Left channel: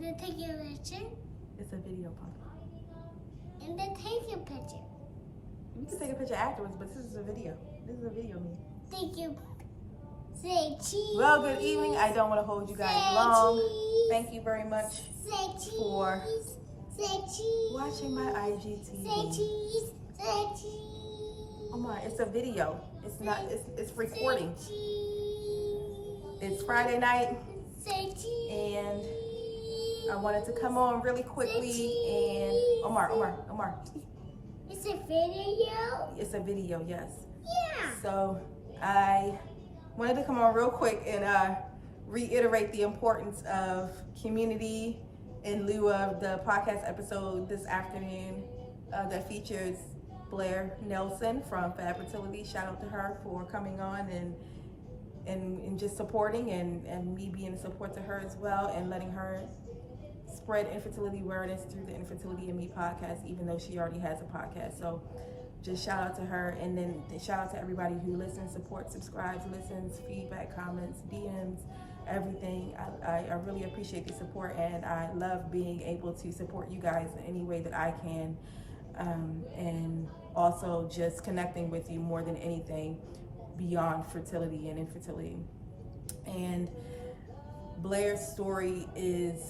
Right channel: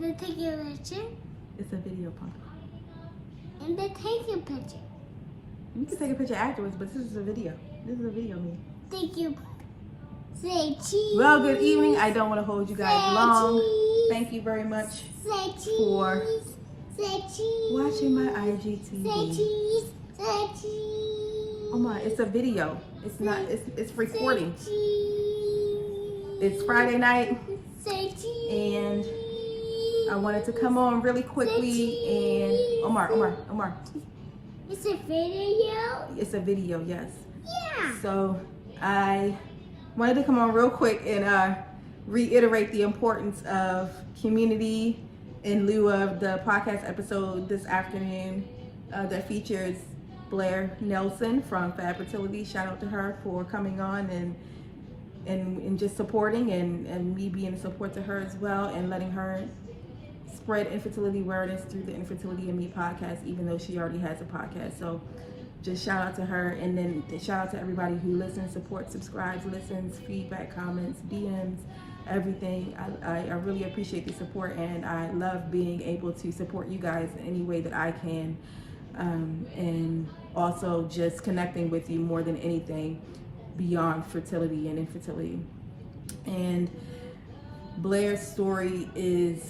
And then take your picture. It's a video, Punk. And then take your picture. You can take a picture afterwards, but this is a video. This is a video, me. Thank you. Say cheese. Well, good evening. I don't want to hold you guys long. Cheese. Thank you very much Say cheese. for Say cheese. watching my IGTV. Say cheese. Say cheese. Oh my, it's a video. It's not, it's recording. Say cheese. It's Friday night, Say cheese. and I wanted to come on really quickly and Omar. It's a video? It's a video, yes. Yeah. So I wanted to come on real quick and reiterate the importance of community in lieu of the podcast episode this afternoon that features Blair Nelson from Fertility. Shout out to her for coming on and just supporting and me being a support to her as well, and letting her spread infertility awareness through the Infertility and Me podcast, even though she already has a podcast. So just shout out to her, and then shout out to everybody who listens, supports, subscribes, listens, feedback, comments, DMs, everything. I really appreciate the support, and I love being able to support you guys in any way that I can, and also just connecting with you more than anything beyond fertility and infertility. And Blair's story is,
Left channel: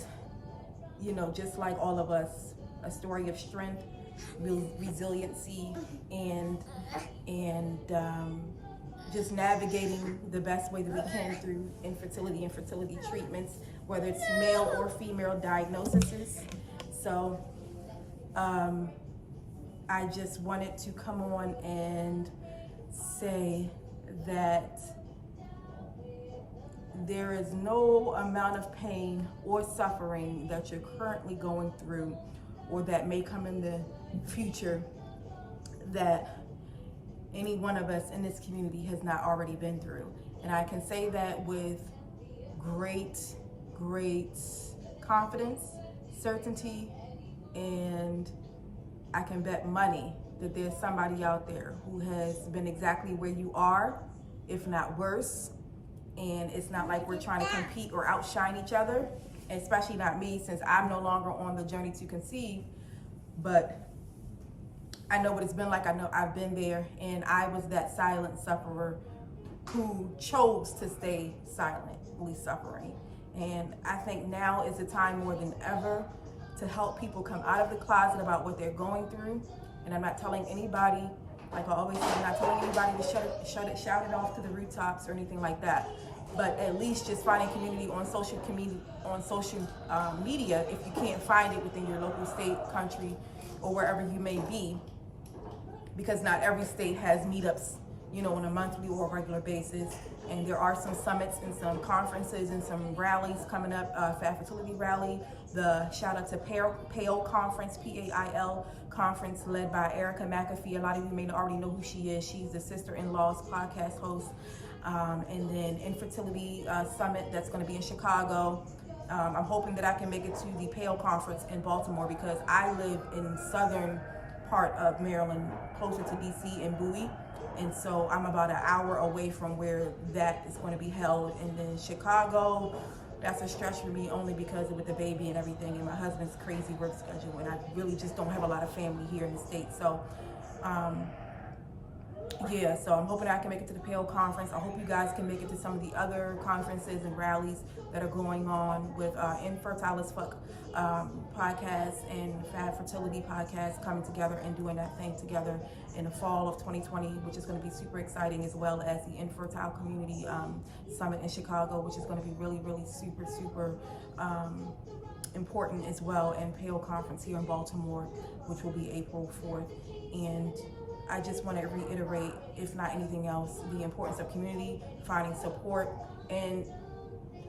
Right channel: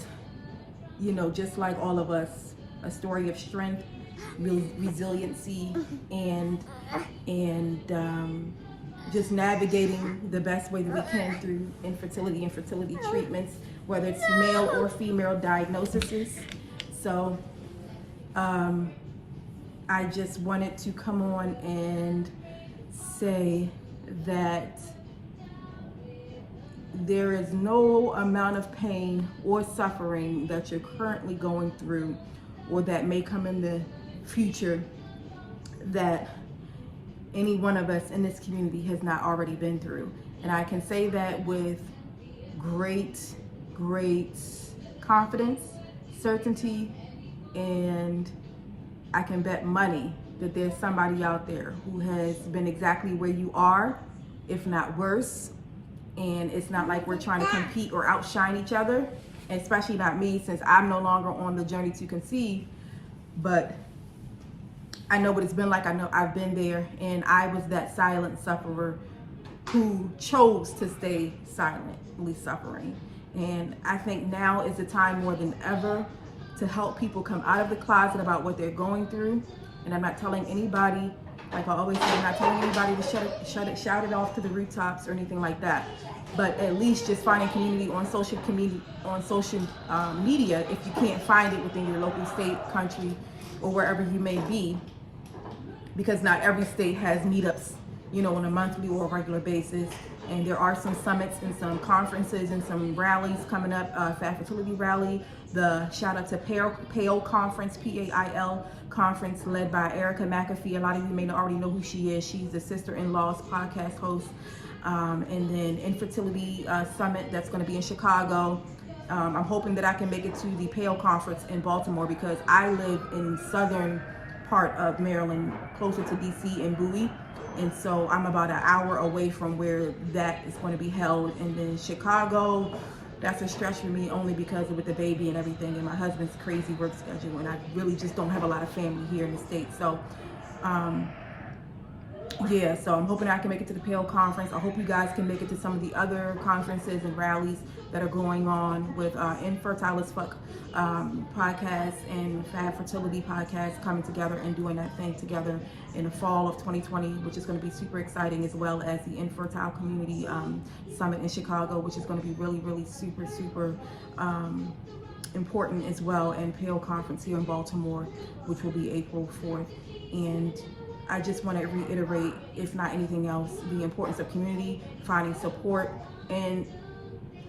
you know, just like all of us, a story of strength, resiliency, and just navigating the best way that we can through infertility and fertility treatments, whether it's male or female diagnoses. So I just wanted to come on and say that there is no amount of pain or suffering that you're currently going through or that may come in the future that any one of us in this community has not already been through. And I can say that with great confidence, certainty, and I can bet money that there's somebody out there who has been exactly where you are, if not worse. And it's not like we're trying to compete or outshine each other, especially not me, since I'm no longer on the journey to conceive. But I know what it's been like. I know I've been there, and I was that silent sufferer who chose to stay silently suffering. And I think now is the time more than ever to help people come out of the closet about what they're going through. And I'm not telling anybody, like I always say, I'm not telling anybody to shout it off to the rooftops or anything like that. But at least just finding community on social media, if you can't find it within your local state, country, or wherever you may be, because not every state has meetups, you know, on a monthly or a regular basis. And there are some summits and some conferences and some rallies coming up. Fertility rally, the shout out to PAIL conference, PAIL conference, led by Erica McAfee. A lot of you may already know who she is. She's the Sister-in-Law's podcast host. And then Infertility summit that's going to be in Chicago. I'm hoping that I can make it to the PAIL conference in Baltimore, because I live in southern part of Maryland, closer to DC and Bowie. And so I'm about an hour away from where that is going to be held. And then Chicago, that's a stretch for me, only because with the baby and everything and my husband's crazy work schedule, and I really just don't have a lot of family here in the States. So yeah, so I'm hoping I can make it to the PAIL conference. I hope you guys can make it to some of the other conferences and rallies that are going on with Infertile as Fuck podcast and Fab Fertility podcast coming together and doing that thing together in the fall of 2020, which is going to be super exciting, as well as the Infertile Community Summit in Chicago, which is going to be really super important as well, and PAIL conference here in Baltimore, which will be April 4th. And I just want to reiterate, if not anything else, the importance of community, finding support. And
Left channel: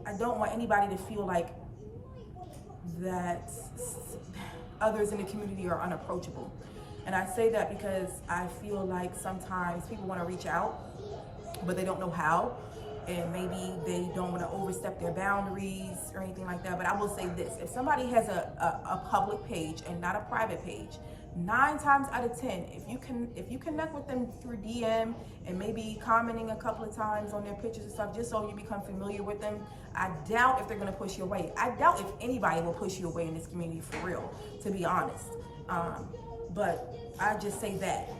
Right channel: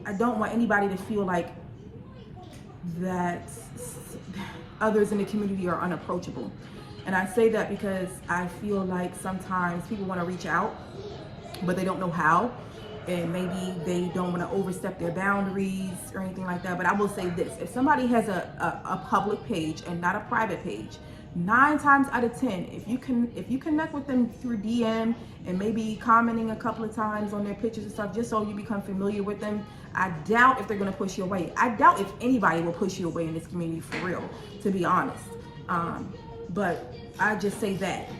I don't want anybody to feel like that others in the community are unapproachable. And I say that because I feel like sometimes people want to reach out, but they don't know how. And maybe they don't want to overstep their boundaries or anything like that. But I will say this: if somebody has a public page and not a private page, 9 times out of 10, if you connect with them through DM and maybe commenting a couple of times on their pictures and stuff, just so you become familiar with them, I doubt if they're gonna push you away. I doubt if anybody will push you away in this community, for real, to be honest. But I just say that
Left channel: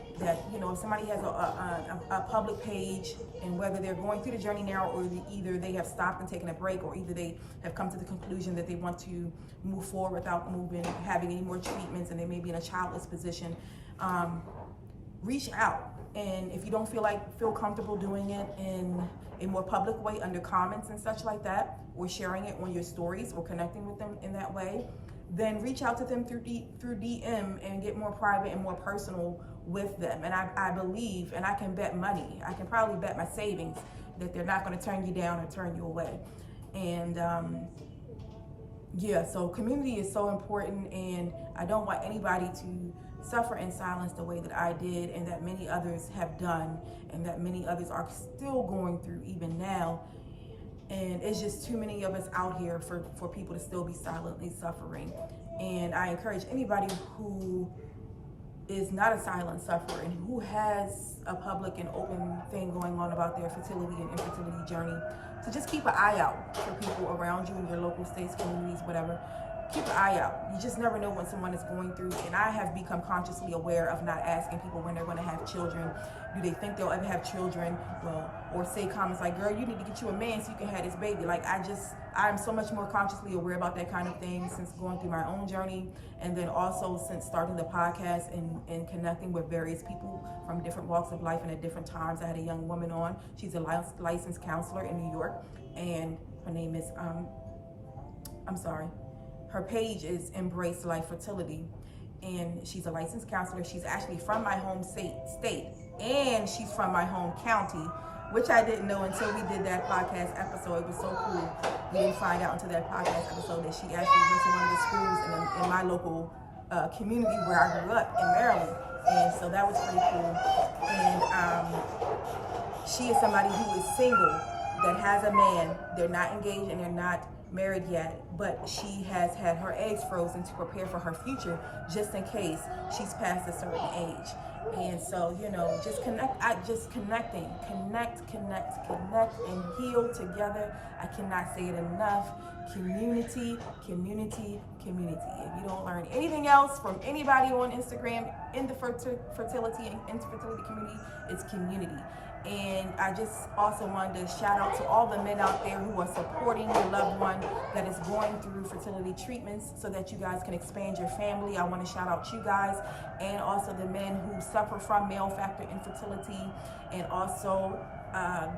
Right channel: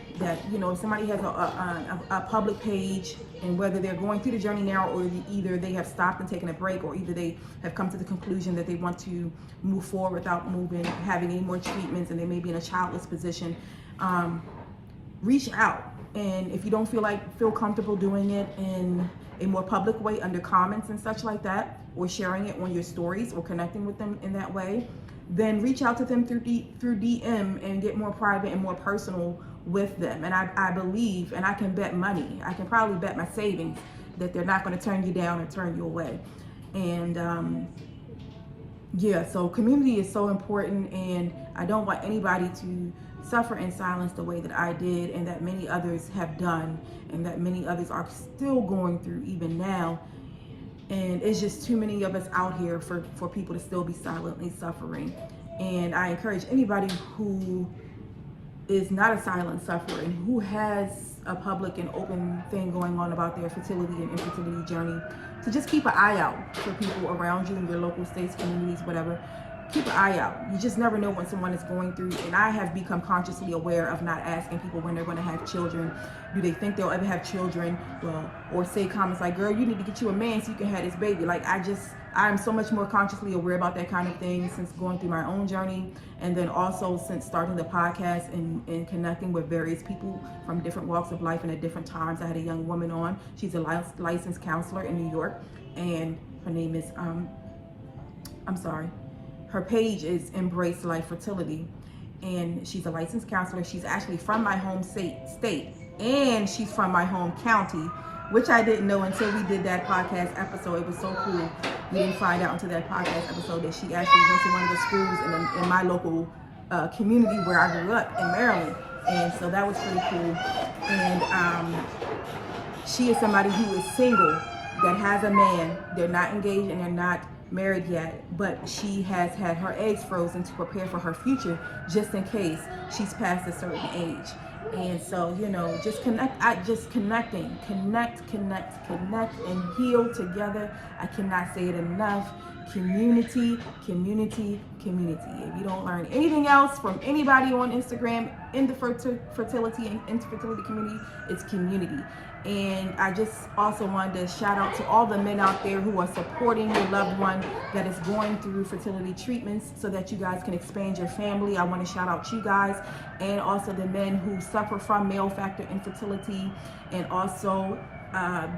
you know, if somebody has a public page, and whether they're going through the journey now, or either they have stopped and taken a break, or either they have come to the conclusion that they want to move forward without having any more treatments, and they may be in a childless position, reach out. And if you don't feel comfortable doing it in a more public way under comments and such like that, or sharing it on your stories, or connecting with them in that way, then reach out to them through DM and get more private and more personal with them. And I believe, and I can bet money, I can probably bet my savings, that they're not going to turn you down or turn you away. And yeah, so community is so important, and I don't want anybody to suffer in silence the way that I did, and that many others have done, and that many others are still going through even now. And it's just too many of us out here for people to still be silently suffering. And I encourage anybody who is not a silent sufferer and who has a public and open thing going on about their fertility and infertility journey, to just keep an eye out for people around you in your local states, communities, whatever. Keep an eye out. You just never know when someone is going through. And I have become consciously aware of not asking people when they're going to have children. Do they think they'll ever have children? Well, or say comments like, girl, you need to get you a man so you can have this baby. Like, I'm so much more consciously aware about that kind of thing since going through my own journey, and then also since starting the podcast and connecting with various people from different walks of life and at different times. I had a young woman on. She's a licensed counselor in New York, and her name is her page is Embrace Life Fertility, and she's a licensed counselor. She's actually from my home state, and she's from my home county, which I didn't know until we did that podcast episode. It was so cool. We didn't find out until that podcast episode that she actually went to one of the schools in my local community where I grew up in Maryland. And so that was pretty cool. And she is somebody who is single, that has a man. They're not engaged and they're not married yet, but she has had her eggs frozen to prepare for her future, just in case she's past a certain age. And so, you know, just connect, connect, and heal together. I cannot say it enough. Community, community, community. If you don't learn anything else from anybody on Instagram in the fertility and infertility community, it's community. And I just also wanted to shout out to all the men out there who are supporting your loved one that is going through fertility treatments so that you guys can expand your family. I want to shout out you guys, and also the men who suffer from male factor infertility, and also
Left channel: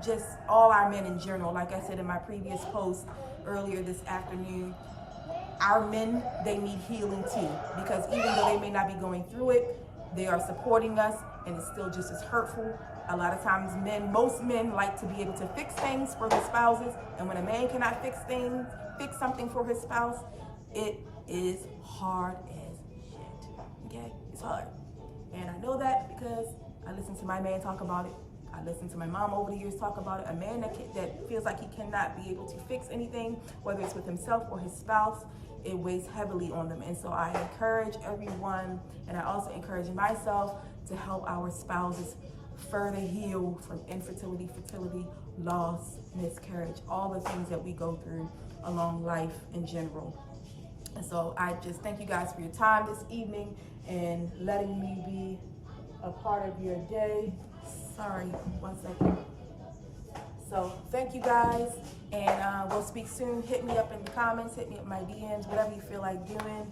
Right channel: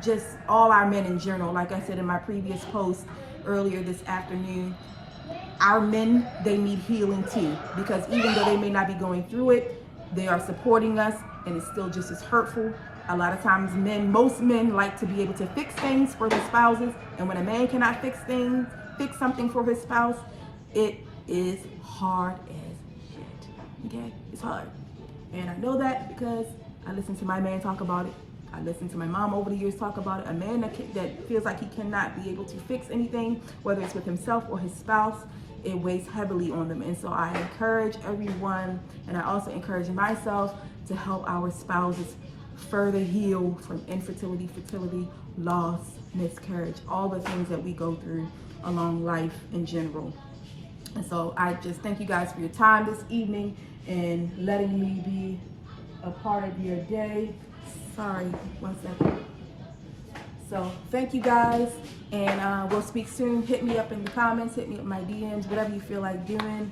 just all our men in general. Like I said in my previous post earlier this afternoon, our men, they need healing too, because even though they may not be going through it, they are supporting us, and it's still just as hurtful. A lot of times most men like to be able to fix things for their spouses, and when a man cannot fix something for his spouse, it is hard as shit. Okay, it's hard. And I know that because I listened to my man talk about it. I listened to my mom over the years talk about it. A man that feels like he cannot be able to fix anything, whether it's with himself or his spouse, it weighs heavily on them. And so I encourage everyone, and I also encourage myself, to help our spouses further heal from infertility, fertility, loss, miscarriage, all the things that we go through along life in general. And so I just thank you guys for your time this evening and letting me be a part of your day. Sorry, 1 second. So thank you guys, and we'll speak soon. Hit me up in the comments, hit me up in my DMs, whatever you feel like doing.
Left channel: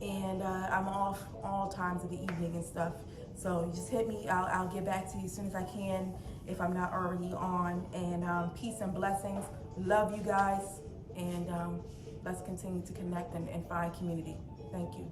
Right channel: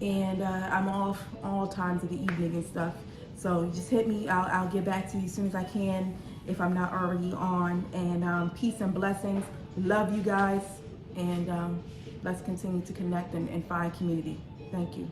And I'm off all times of the evening and stuff. So just hit me. I'll get back to you as soon as I can if I'm not already on. And peace and blessings. Love you guys. And let's continue to connect and find community. Thank you.